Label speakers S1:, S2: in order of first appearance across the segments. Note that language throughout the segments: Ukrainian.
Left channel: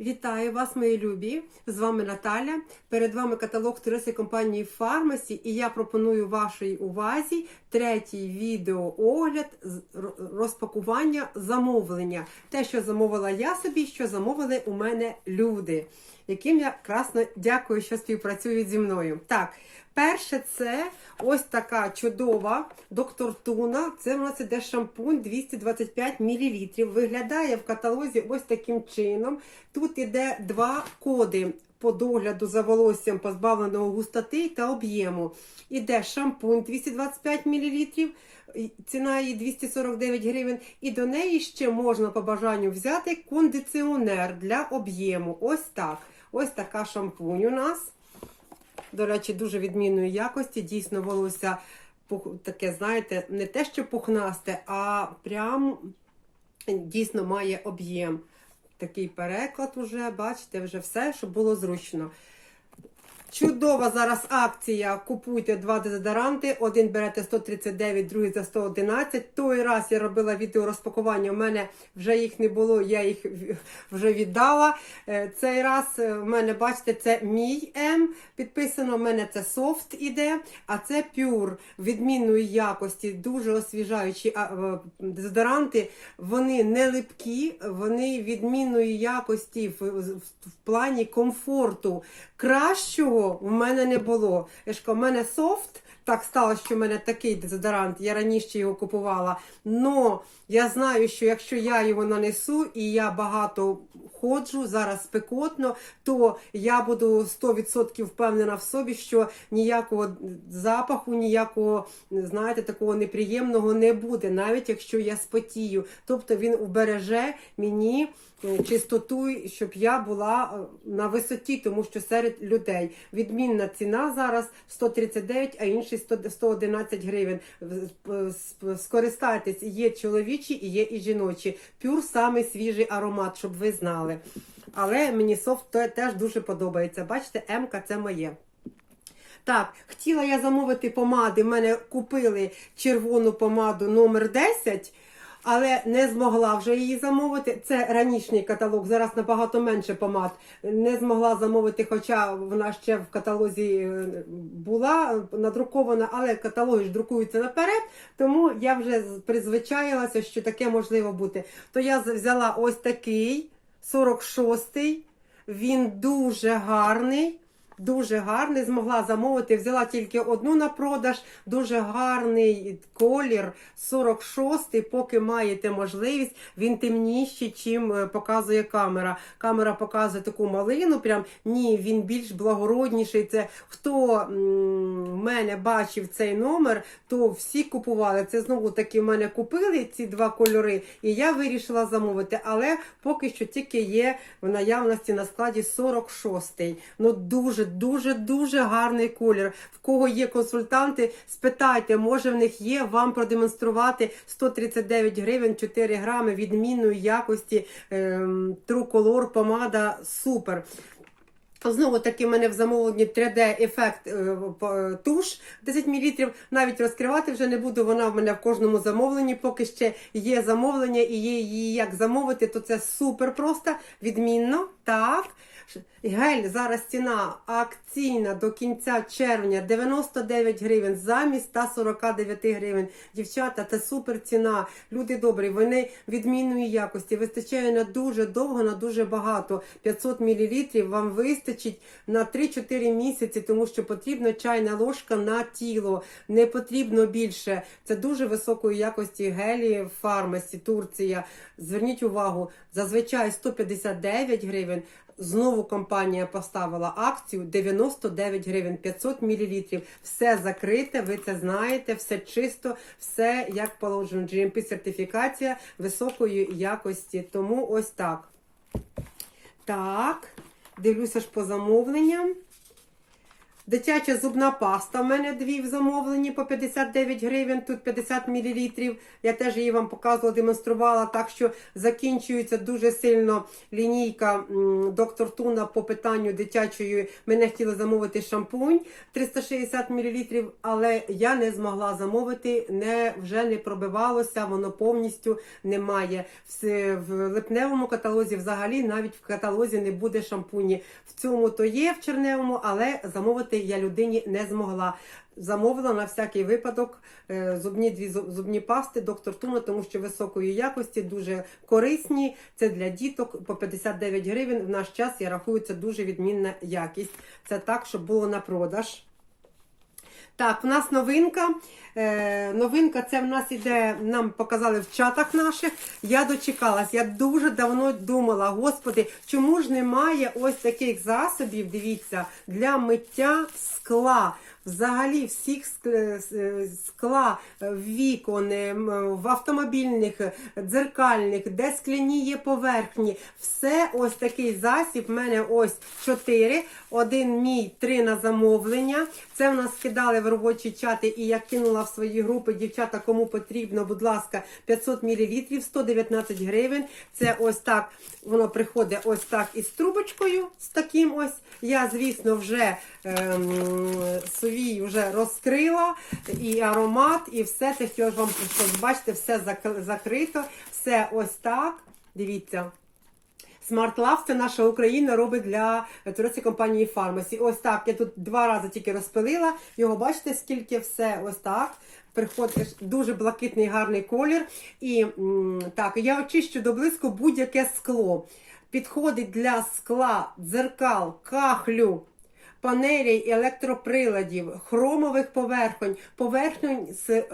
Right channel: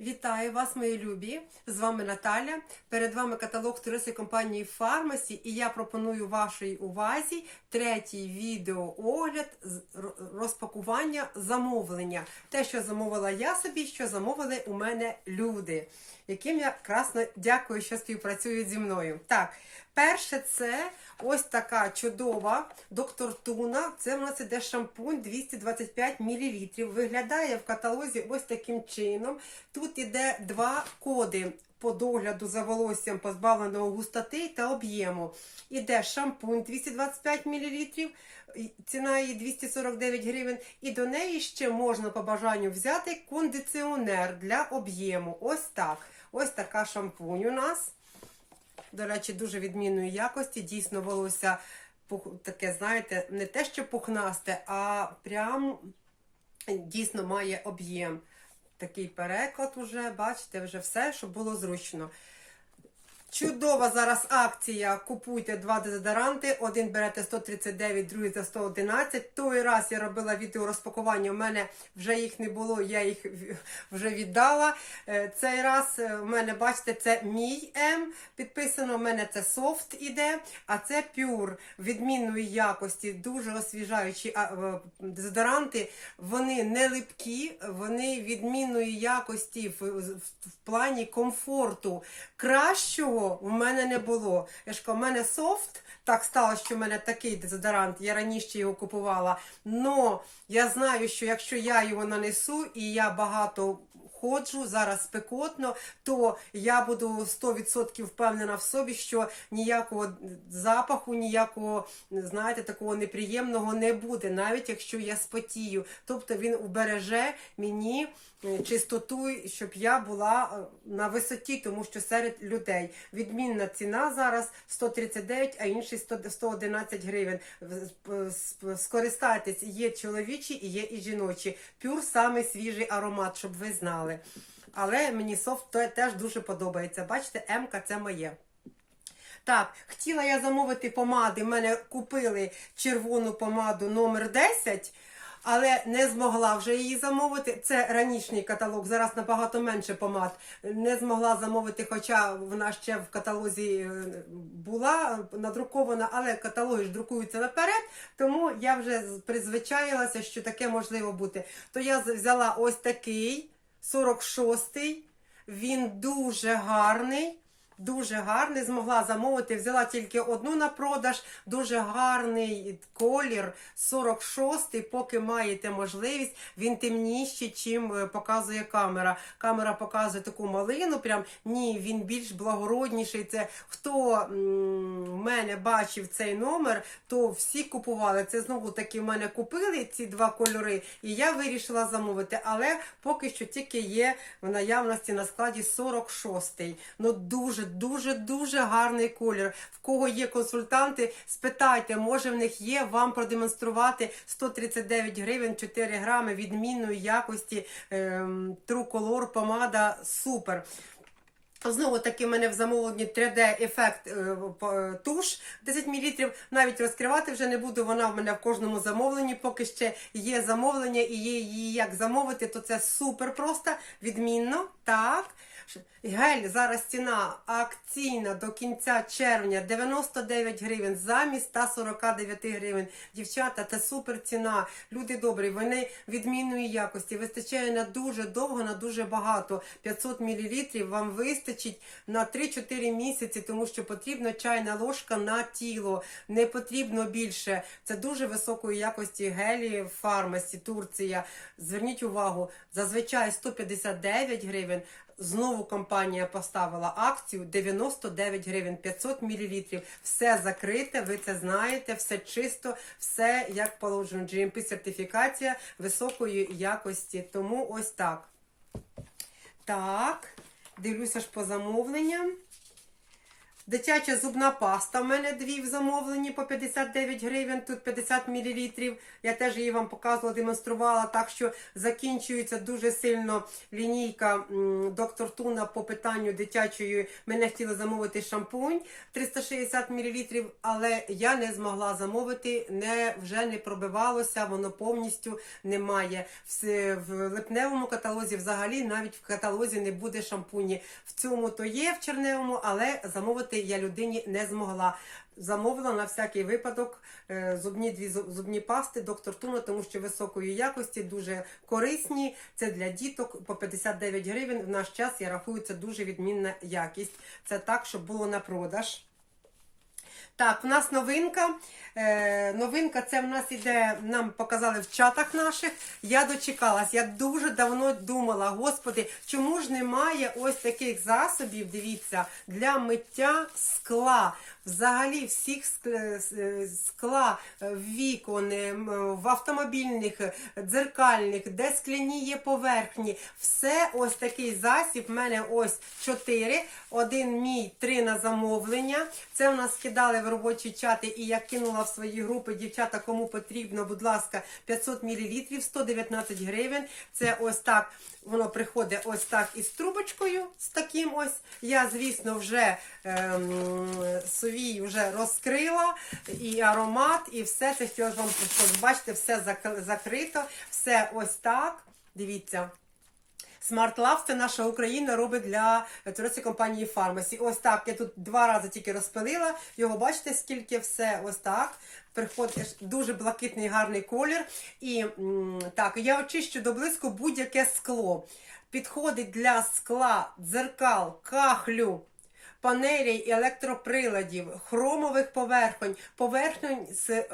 S1: Вітаю вас, мої любі! З вами Наталя. Перед вами каталог туристи компанії Фармасі, і я пропоную вашій увазі третій відеоогляд розпакування замовлення. Те, що замовила я собі, що замовили у мене люди, яким я красно дякую, що співпрацюють зі мною. Так, перше, це ось така чудова доктор Туна. Це в нас іде шампунь 225 мл. Виглядає в каталозі ось таким чином. Тут іде два коди по догляду за волоссям позбавленого густоти та об'єму. Іде шампунь 225 мл, ціна її 249 гривень. І до неї ще можна по бажанню взяти кондиціонер для об'єму. Ось так. Ось така шампунь у нас. До речі, дуже відмінної якості. Дійсно, волосся таке, знаєте, не те, що пухнасте, а прям дійсно має об'єм. Такий переклад уже, бачите, вже все, щоб було зручно. Чудова зараз акція. Купуйте два дезодоранти. Один берете 139, другий за 111. Той раз я робила відео розпакування. У мене вже їх не було, я їх вже віддала. Е, Цей раз е, в мене, бачите, це мій М. Підписано, в мене це софт іде, а це пюр відмінної якості, дуже освіжаючі е, дезодоранти. Вони не липкі, вони відмінної якості в, в, в плані комфорту. Кращого в мене не було. Я ж кажу, в мене софт. Так сталося, що в мене такий дезодорант, я раніше його купувала. Но я знаю, що якщо я його нанесу і я багато ходжу, зараз спекотно, то я буду 100% впевнена в собі, що ніякого запаху, ніякого, знаєте, такого неприємного не буде, навіть якщо я спотію. Тобто він убереже мені е, чистоту, щоб я була е, на висоті, тому що серед людей відмінна ціна зараз 139, а інший 100 111 гривень. Скористайтесь, є чоловічі і є і жіночі. Пюр самий свіжий аромат, щоб ви знали. Але мені софт теж дуже подобається. Бачите, М-ка це моє. Так, хотіла я замовити помади. В мене купили червону помаду номер 10, але не змогла вже її замовити. Це ранішній каталог, зараз набагато менше помад. Не змогла замовити, хоча вона ще в каталозі е, була надрукована, але каталоги ж друкуються наперед, тому я вже призвичаїлася, що таке можливо бути. То я взяла ось такий 46-й. Він дуже гарний. Дуже гарний, змогла замовити. Взяла тільки одну на продаж. Дуже гарний колір 46-й, поки маєте можливість. Він темніший, чим е, показує камера. Камера показує таку малину. Прям ні, він більш благородніший. Це хто в мене бачив цей номер, то всі купували. Це знову таки в мене купили ці два кольори, і я вирішила замовити. Але поки що тільки є в наявності на складі 46-й. Ну дуже, дуже, дуже гарний колір. В кого є консультанти, спитайте, може в них є вам продемонструвати 139 гривень 4 грами відмінної якості ем, True Color помада супер. Знову таки, в мене в замовленні 3D ефект е, е, туш 10 мл. Навіть розкривати вже не буду. Вона в мене в кожному замовленні. Поки ще є замовлення і є її як замовити, то це супер просто, відмінно. Так. Гель зараз ціна акційна до кінця червня 99 гривень замість 149 гривень. Дівчата, це супер ціна. Люди добрі, вони відмінної якості. Вистачає на дуже довго, на дуже багато. 500 мл вам вистачить на 3-4 місяці, тому що потрібна чайна ложка на тіло. Не потрібно більше. Це дуже високої якості гелі в фармасі, Турція. Зверніть увагу, зазвичай 159 гривень. Знову компанія поставила акцію 99 гривень 500 мл. Все закрите, ви це знаєте, все чисто, все як положено. GMP сертифікація високої якості. Тому ось так. Так, дивлюся ж по замовленням. Дитяча зубна паста. У мене дві в замовленні по 59 гривень, тут 50 мл. Я теж її вам показувала, демонструвала. Так що закінчується дуже сильно лінійка доктор Туна по питанню дитячої. Мене хотіли замовити шампунь 360 мл, але я не змогла замовити, не, вже не пробивалося, воно повністю немає. В, в липневому каталозі взагалі навіть в каталозі не буде шампуні. В цьому то є в черневому, але замовити я людині не змогла. Замовила на всякий випадок е, зубні дві зубні пасти доктор Туна, тому що високої якості, дуже корисні. Це для діток по 59 гривень. В наш час я рахую, це дуже відмінна якість. Це так, щоб було на продаж. Так, у нас новинка. Е, новинка це в нас іде, нам показали в чатах наших. Я дочекалась. Я дуже давно думала, господи, чому ж немає ось таких засобів, дивіться, для миття скла. Взагалі всіх ск- е, скла е, вікон, е, в автомобільних, е, дзеркальних, де скляні є поверхні. Все ось такий засіб. В мене ось чотири. Один мій, три на замовлення. Це в нас кидали в робочі чати, і я кинула в свої групи. Дівчата, кому потрібно, будь ласка, 500 мл, 119 гривень. Це ось так. Воно приходить ось так із трубочкою, з таким ось. Я, звісно, вже ем, совій вже розкрила, і аромат, і все це, що вам просто бачите, все зак- закрито, все ось так. Дивіться. Smart Love це наша Україна робить для туристської компанії Pharmacy. Ось так. Я тут два рази тільки розпилила. Його бачите, скільки все ось так. Приходить дуже блакитний гарний колір. І так, я очищу до блиску будь-яке скло. Підходить для скла, дзеркал, кахлю. Панелей, електроприладів, хромових поверхонь, поверхонь з е,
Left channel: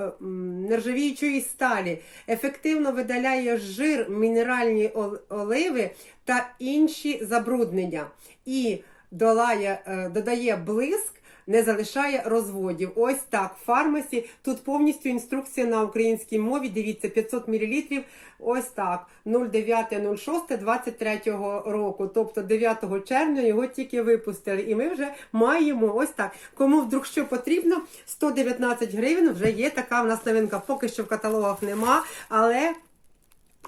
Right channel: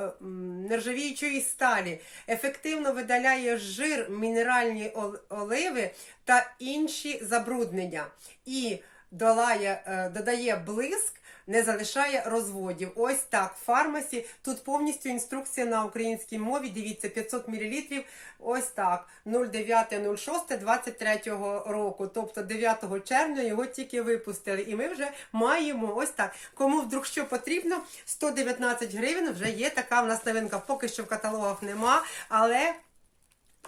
S1: нержавіючої сталі, ефективно видаляє жир, мінеральні оливи та інші забруднення. І долає, е, додає блиск, не залишає розводів. Ось так. В фармасі тут повністю інструкція на українській мові. Дивіться, 500 мл. Ось так. 09.06.23 року. Тобто 9 червня його тільки випустили. І ми вже маємо ось так. Кому вдруг що потрібно, 119 гривень вже є така в нас новинка. Поки що в каталогах нема, але.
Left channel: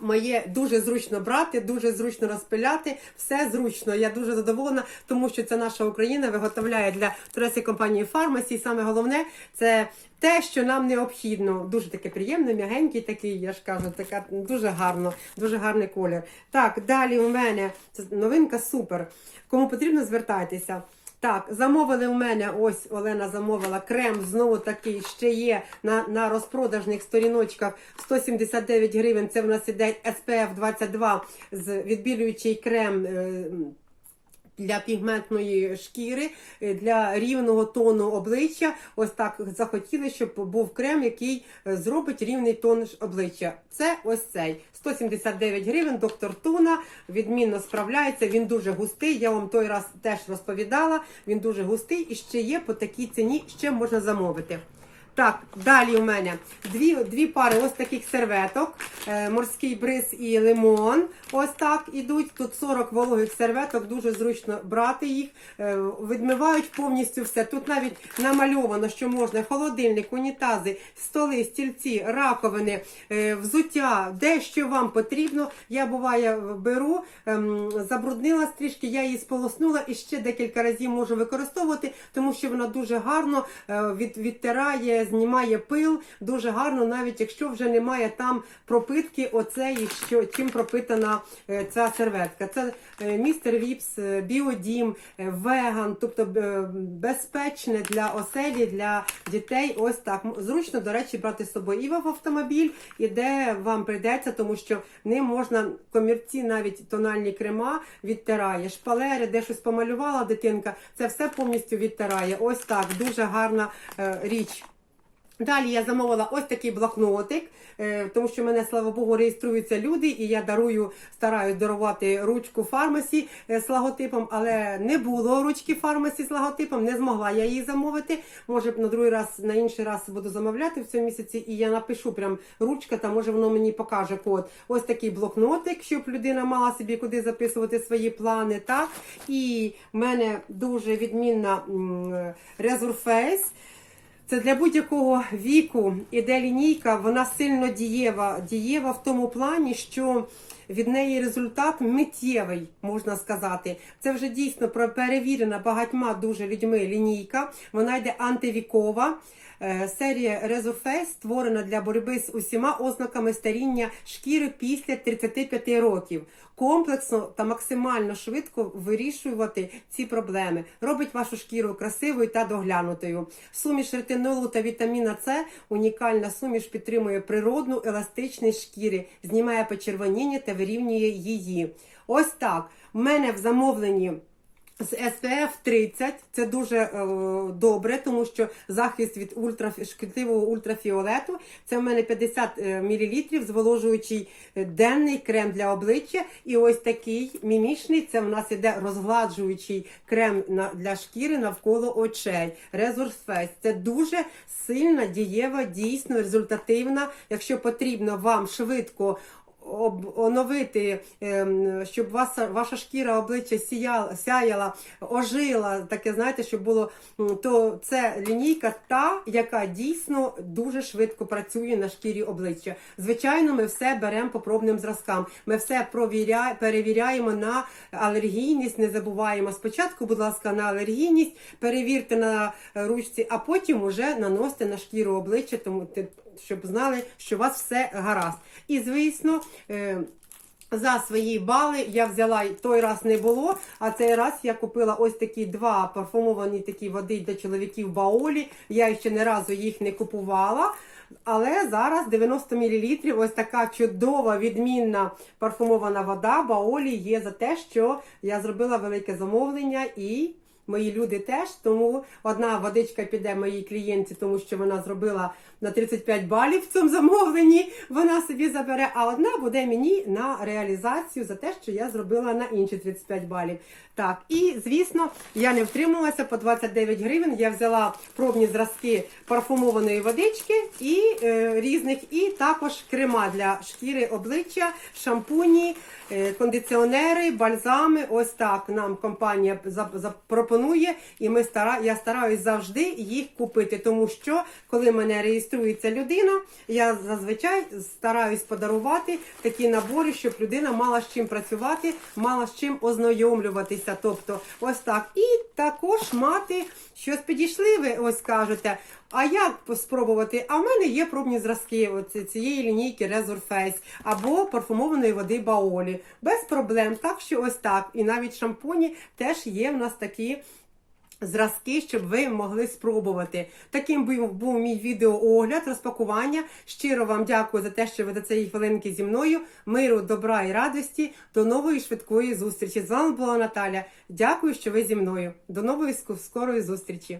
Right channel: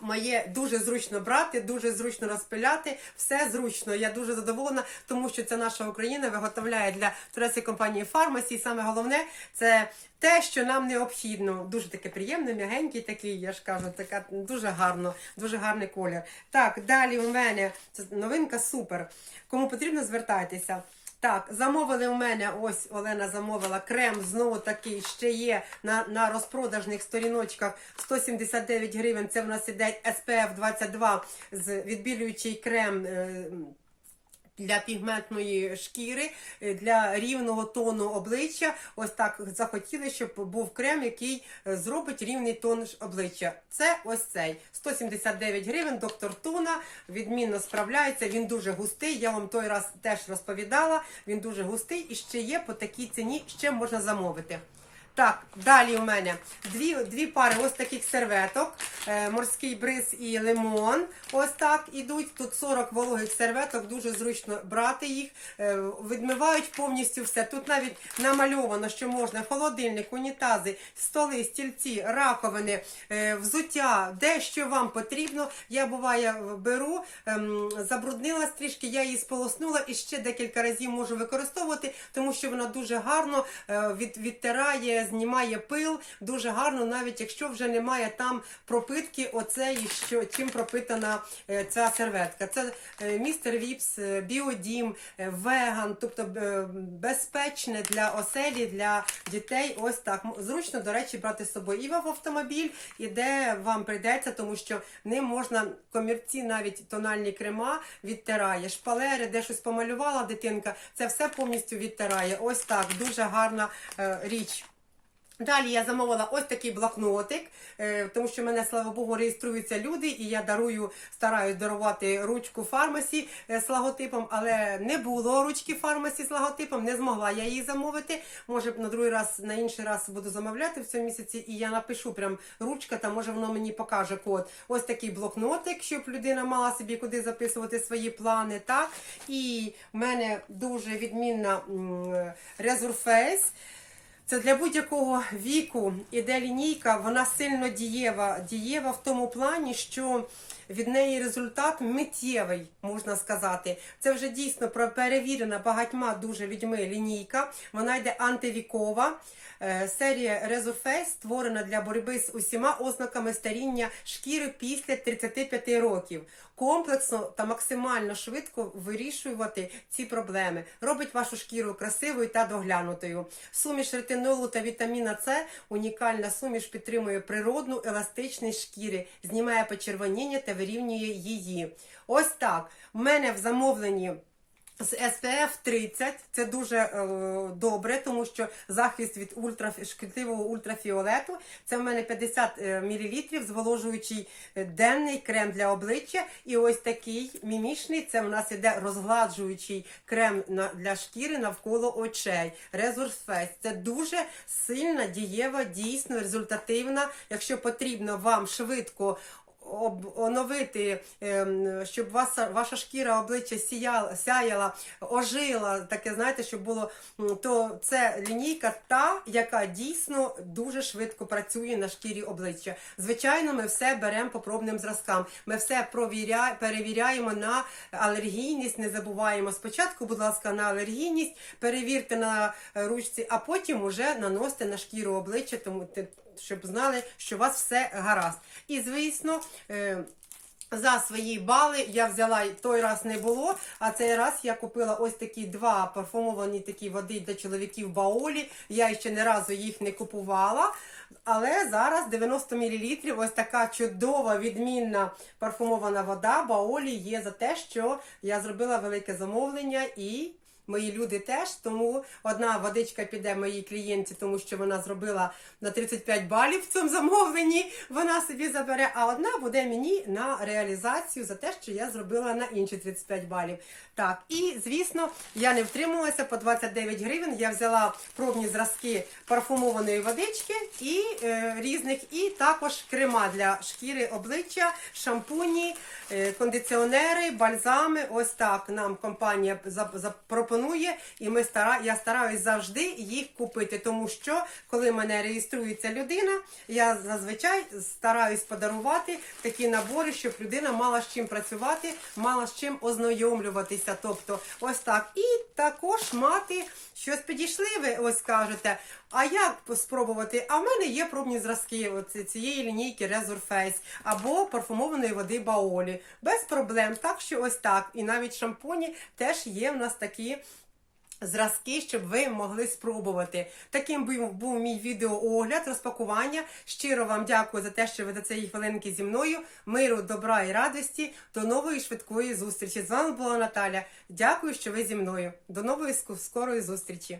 S1: Моє дуже зручно брати, дуже зручно розпиляти, все зручно. Я дуже задоволена, тому що це наша Україна виготовляє для турецької компанії Фармасі. Саме головне це те, що нам необхідно. Дуже таке приємне, м'ягенький такий, я ж кажу, така дуже гарно, дуже гарний колір. Так, далі у мене це новинка супер. Кому потрібно, звертайтеся. Так, замовили у мене, ось Олена замовила крем, знову такий ще є на, на розпродажних сторіночках 179 гривень. Це в нас іде SPF 22 з відбілюючий крем. е, Для пігментної шкіри, е, для рівного тону обличчя. Ось так захотіли, щоб був крем, який е, зробить рівний тон обличчя. Це ось цей. 179 гривень, доктор Туна, відмінно справляється. Він дуже густий. Я вам той раз теж розповідала. Він дуже густий і ще є по такій ціні, ще можна замовити. Так, далі у мене дві, дві пари ось таких серветок. Е, морський бриз і лимон. Ось так ідуть. Тут 40 вологих серветок, дуже зручно брати їх. Е, відмивають повністю все. Тут навіть намальовано, що можна холодильник, унітази, столи, стільці, раковини, е, взуття, де що вам потрібно. Я буває беру, ем, забруднила трішки, я її сполоснула і ще декілька разів можу використовувати, тому що вона дуже гарно від, відтирає, знімає пил, дуже гарно, навіть якщо вже немає там пропитки, оцеї, що чим пропитана е, ця серветка. Це е, містер Віпс, е, Біодім, веган, тобто безпечне для оселі, для дітей. Ось так. Зручно, до речі, брати з собою і в автомобіль, і де вам прийдеться, тому що ним можна комірці, навіть тональні крема відтирає. Шпалери, де щось помалювала дитинка, це все повністю відтирає. Ось так, дуже гарна е, річ. Далі я замовила ось такий блокнотик, е, тому що мене, слава Богу, реєструються люди, і я дарую, стараюсь дарувати ручку фармасі е, з логотипом, але не було ручки фармасі з логотипом, не змогла я її замовити. Може на другий раз, на інший раз буду замовляти в цьому місяці, і я напишу прям ручка, та може воно мені покаже код. Ось такий блокнотик, щоб людина мала собі куди записувати свої плани. Так? І в мене дуже відмінна Resurface. Це для будь-якого віку іде лінійка, вона сильно дієва. Дієва в тому плані, що від неї результат миттєвий, можна сказати. Це вже дійсно перевірена багатьма дуже людьми лінійка. Вона йде антивікова. Е, Серія Resurface створена для боротьби з усіма ознаками старіння шкіри після 35 років. Комплексно та максимально швидко вирішувати ці проблеми. Робить вашу шкіру красивою та доглянутою. Суміш ретинолу та вітаміна С унікальна суміш підтримує природну еластичність шкіри, знімає почервоніння та вирівнює її. Ось так. У мене в замовленні з SPF 30 це дуже е, добре, тому що захист від ультра, шкідливого ультрафіолету. Це в мене 50 мл зволожуючий е, денний крем для обличчя. І ось такий мімішний. Це в нас іде розгладжуючий крем на, для шкіри навколо очей. Resource Face. Це дуже сильна, дієва, дійсно результативна. Якщо потрібно вам швидко оновити, ем, щоб ваша, ваша шкіра обличчя сіяла, сяяла, ожила, таке, знаєте, щоб було, то це лінійка та, яка дійсно дуже швидко працює на шкірі обличчя. Звичайно, ми все беремо по пробним зразкам. Ми все провіря, перевіряємо на алергійність, не забуваємо. Спочатку, будь ласка, на алергійність, перевірте на е, ручці, а потім уже наносите на шкіру обличчя, тому щоб знали, що у вас все гаразд. І звісно. е, За свої бали я взяла той раз не було. А цей раз я купила ось такі два парфумовані такі води для чоловіків Баолі. Я ще не разу їх не купувала. Але зараз 90 мл ось така чудова відмінна парфумована вода Баолі є за те, що я зробила велике замовлення і. Мої люди теж, тому одна водичка піде моїй клієнті, тому що вона зробила на 35 балів в цьому замовленні. Вона собі забере, а одна буде мені на реалізацію за те, що я зробила на інші 35 балів. Так, і звісно, я не втрималася по 29 гривень. Я взяла пробні зразки парфумованої водички і е, різних, і також крема для шкіри обличчя, шампуні, е, кондиціонери, бальзами. Ось так нам компанія за- запропонує, і ми стара, я стараюсь завжди їх купити, тому що коли мене реєструється людина, я зазвичай стараюсь подарувати такі набори, щоб людина мала з чим працювати, мала з чим ознайомлюватися. Тобто, ось так. І також мати щось підійшли, ви ось кажете. А як спробувати? А в мене є пробні зразки оці- цієї лінійки Resurface або парфумованої води Баолі. Без проблем. Так що ось так. І навіть шампуні теж є в нас такі. Зразки, щоб ви могли спробувати. Таким був, мій відеоогляд, розпакування. Щиро вам дякую за те, що ви до цієї хвилинки зі мною. Миру, добра і радості. До нової швидкої зустрічі. З вами була Наталя. Дякую, що ви зі мною. До нової скорої зустрічі.